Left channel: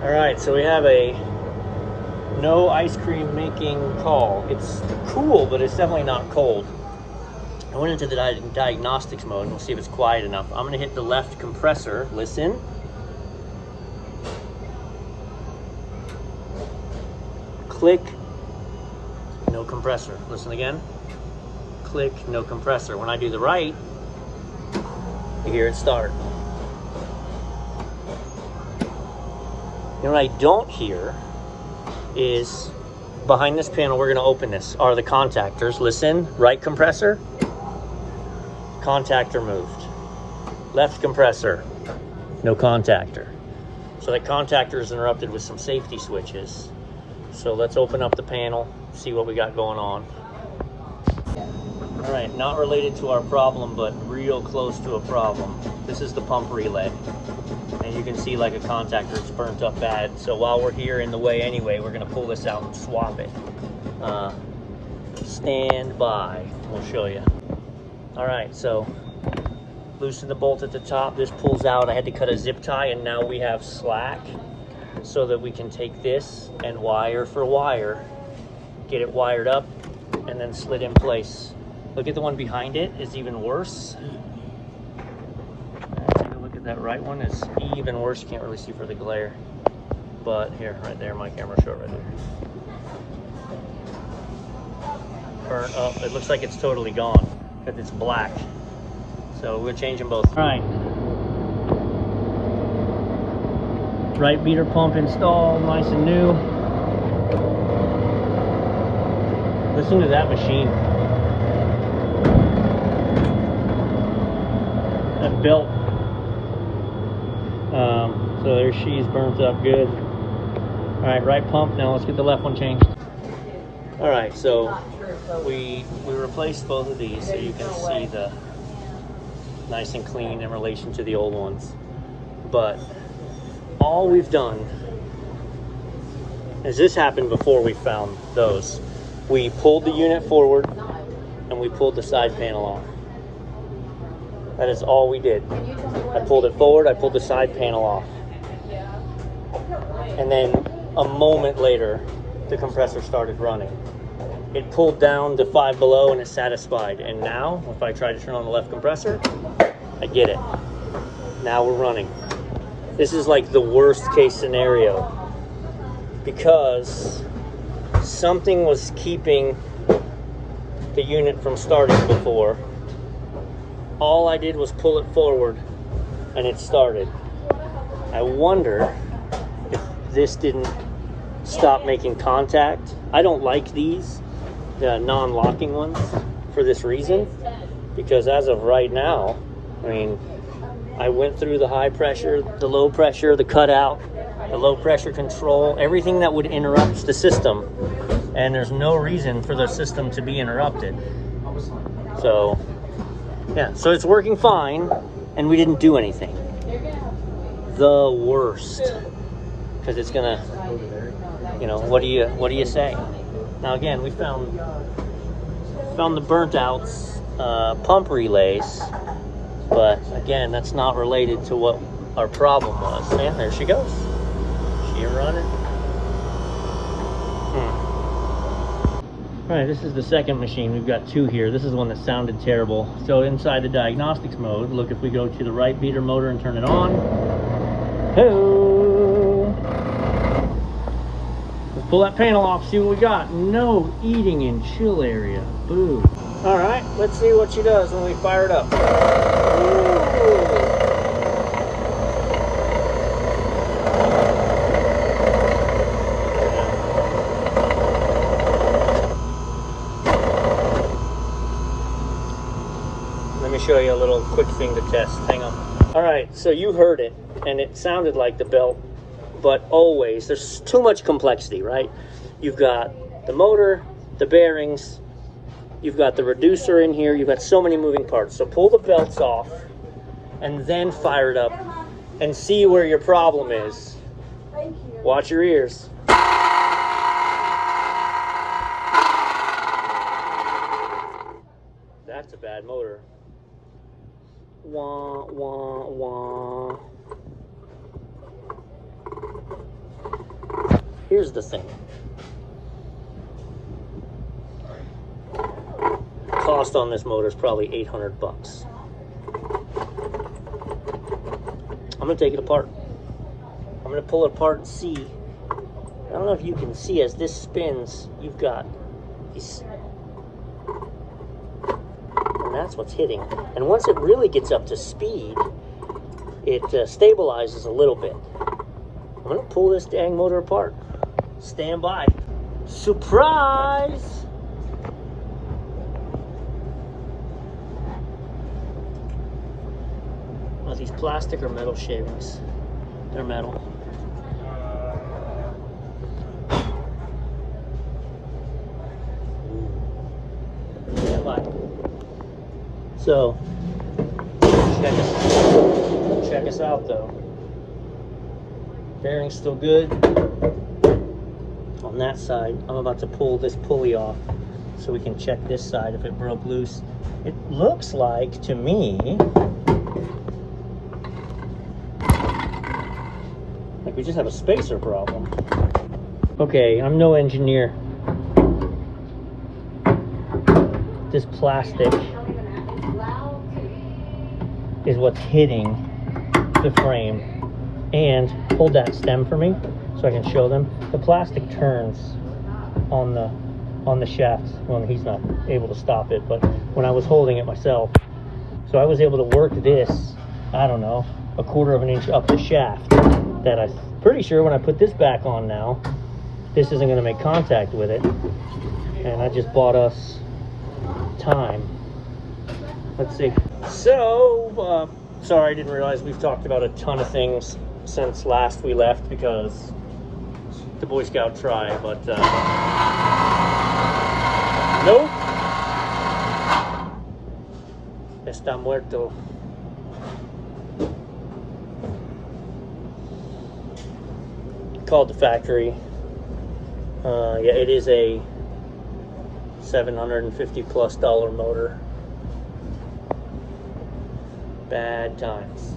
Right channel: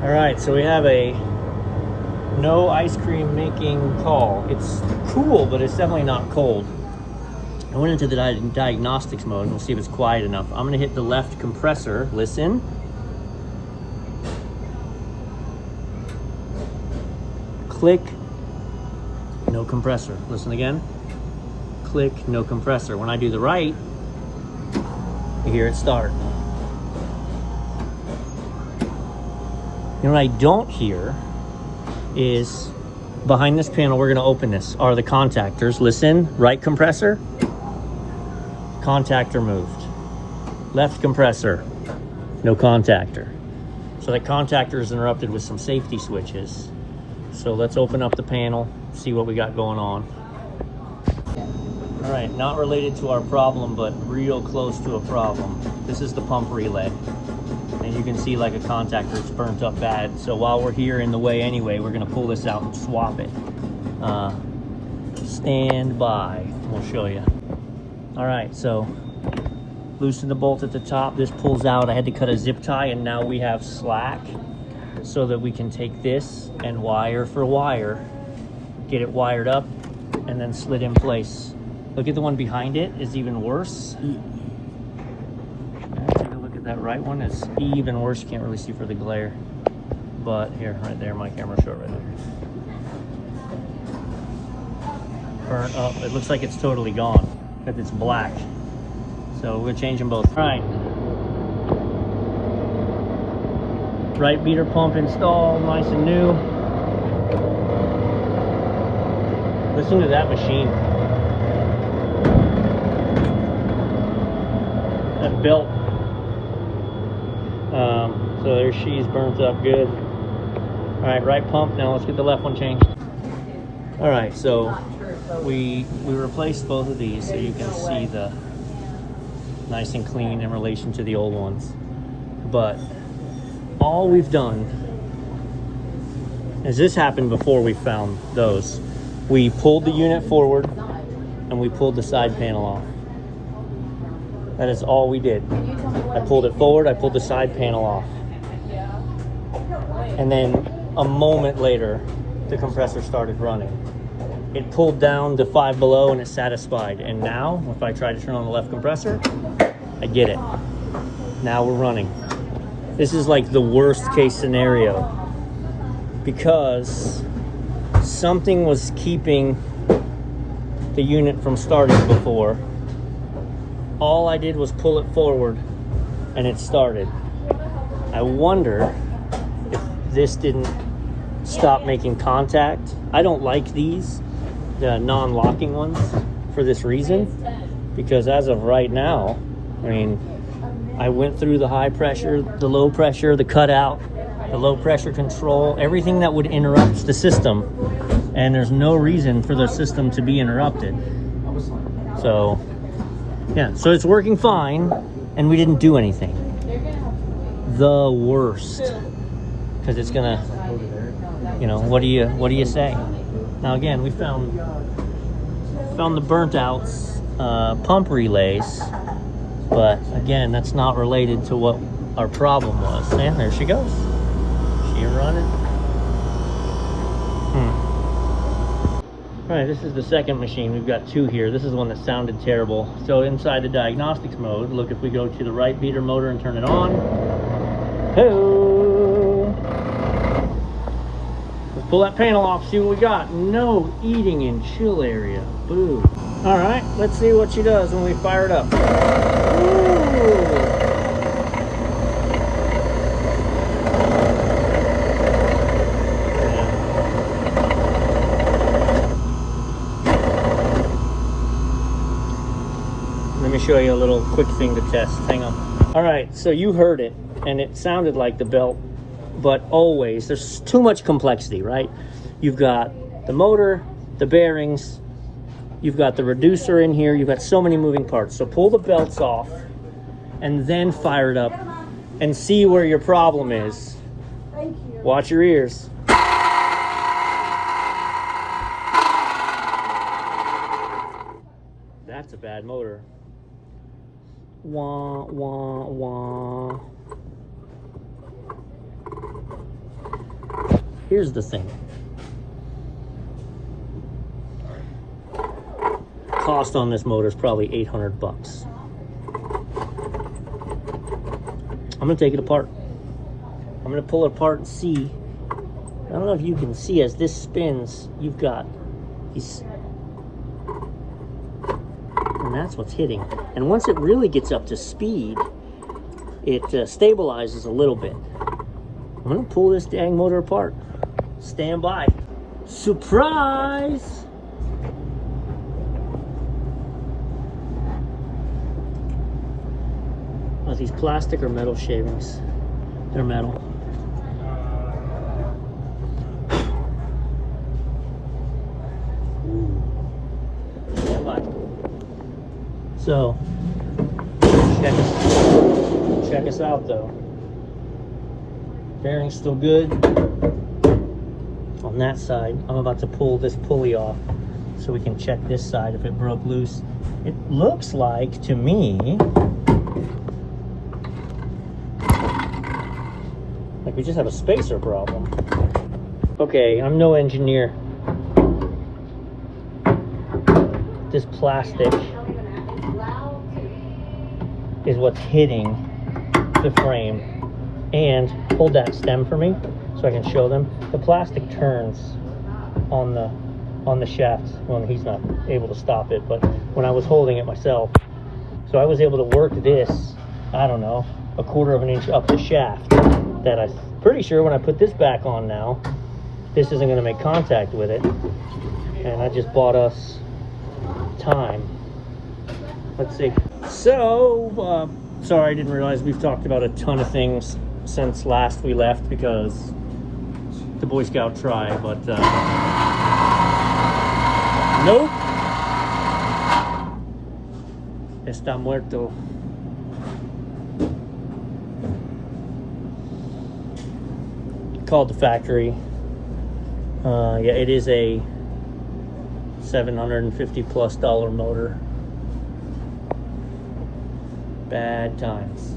All right, so we have a no ice cream making call. It's cool, but it's definitely not cold. I went into the diagnostics mode and we'll see if it's quiet enough. I'm gonna hit the left compressor, listen. Click, no compressor. Listen again. Click, no compressor. When I do the right, you hear it start. And what I don't hear is behind this panel, we're gonna open this, are the contactors. Listen, right compressor, contactor moved. Left compressor, no contactor. So the contactor is interrupted with some safety switches. So let's open up the panel, see what we got going on. All right, not related to our problem, but real close to a problem. This is the pump relay. And you can see like a contactor, it's burnt up bad. So while we're here in the way anyway, we're gonna pull this out and swap it. Stand by, we'll show you. All right, so loosen the bolt at the top. This pulls out. I had to cut a zip tie and now we have slack so that we can take this and wire for wire, get it wired up and then slid in place. Look at the one behind it, is even worse. Take a look at that right one, is even worse. You can't really see for the glare. But here, right there, my camera short right there. Burnt up, it looks like it's totally gone, because it's black. So we're changing both. All right. Right beater pump installed, nice and new. Listen to that machine. That belt. So there she's burnt up good. All right, right pump. Now let's get the left one changed. All right, so we replaced both of these so you can see the nice and clean in relation to the old ones. But all we've done, as this happened before we found those, we pulled the unit forward and we pulled the side panel off. That is all we did. I pulled it forward, I pulled the side panel off. And then a moment later, the compressor started running. It pulled down to 5 below and it satisfied. And now, if I try to turn on the left compressor, I get it. Now we're running. This is like the worst case scenario because something was keeping the unit from starting before. All I did was pull it forward and it started. I wonder if this didn't stop making contact. I don't like these, the non-locking ones, for this reason, because as of right now, I mean, I went through the high pressure, the low pressure, the cutout, the low pressure control, everything that would interrupt the system. And there's no reason for the system to be interrupted. So, yeah, so it's working fine and we didn't do anything. The worst, because it's gonna, you know, what do you say? Now again, we found the burnt outs pump relays. But again, that's not related to what our problem was. And there she goes. See her running. All right, this is the second machine. We've got two here. This is the one that sounded terrible. So inside the diagnostics mode, look, if we go to the right beater motor and turn it on. Oh! Let's pull that panel off, see what we got. No eating in chill area. Ooh. All right, let's see what she does when we fire it up. Let me show you a little quick thing to test. Hang on. All right, so you heard it, and it sounded like the belt, but always, there's too much complexity, right? You've got the motor, the bearings, you've got the reducer in here, you've got so many moving parts. So pull the belts off, and then fire it up, and see where your problem is. Thank you. Watch your ears. That's a bad motor. Wah, wah, wah. Here's the thing. Cost on this motor is probably 800 bucks. I'm gonna take it apart. I'm gonna pull it apart and see. I don't know if you can see as this spins, you've got these, and that's what's hitting. And once it really gets up to speed, it stabilizes a little bit. I'm gonna pull this dang motor apart. Stand by. Surprise! Are these plastic or metal shavings? They're metal. Stand by. So, check us out though. Bearing's still good. On that side, I'm about to pull this pulley off so we can check this side if it broke loose. It looks like to me like we just have a spacer problem. Okay, I'm no engineer. This plastic is what's hitting the frame. And hold that stem for me so I can show them. The plastic turns on the shaft when he's not able to stop it, but when I was holding it myself, so I was able to work this, I don't know, 1/4 of an inch up the shaft. That I'm pretty sure when I put this back on now, this isn't going to make contact with it. And I just bought us time. Let's see. So, sorry, I didn't realize we've talked about a ton of things since last we left because the Boy Scout try, but nope. Está muerto. Called the factory. Yeah, it is a $750+ motor. Bad times.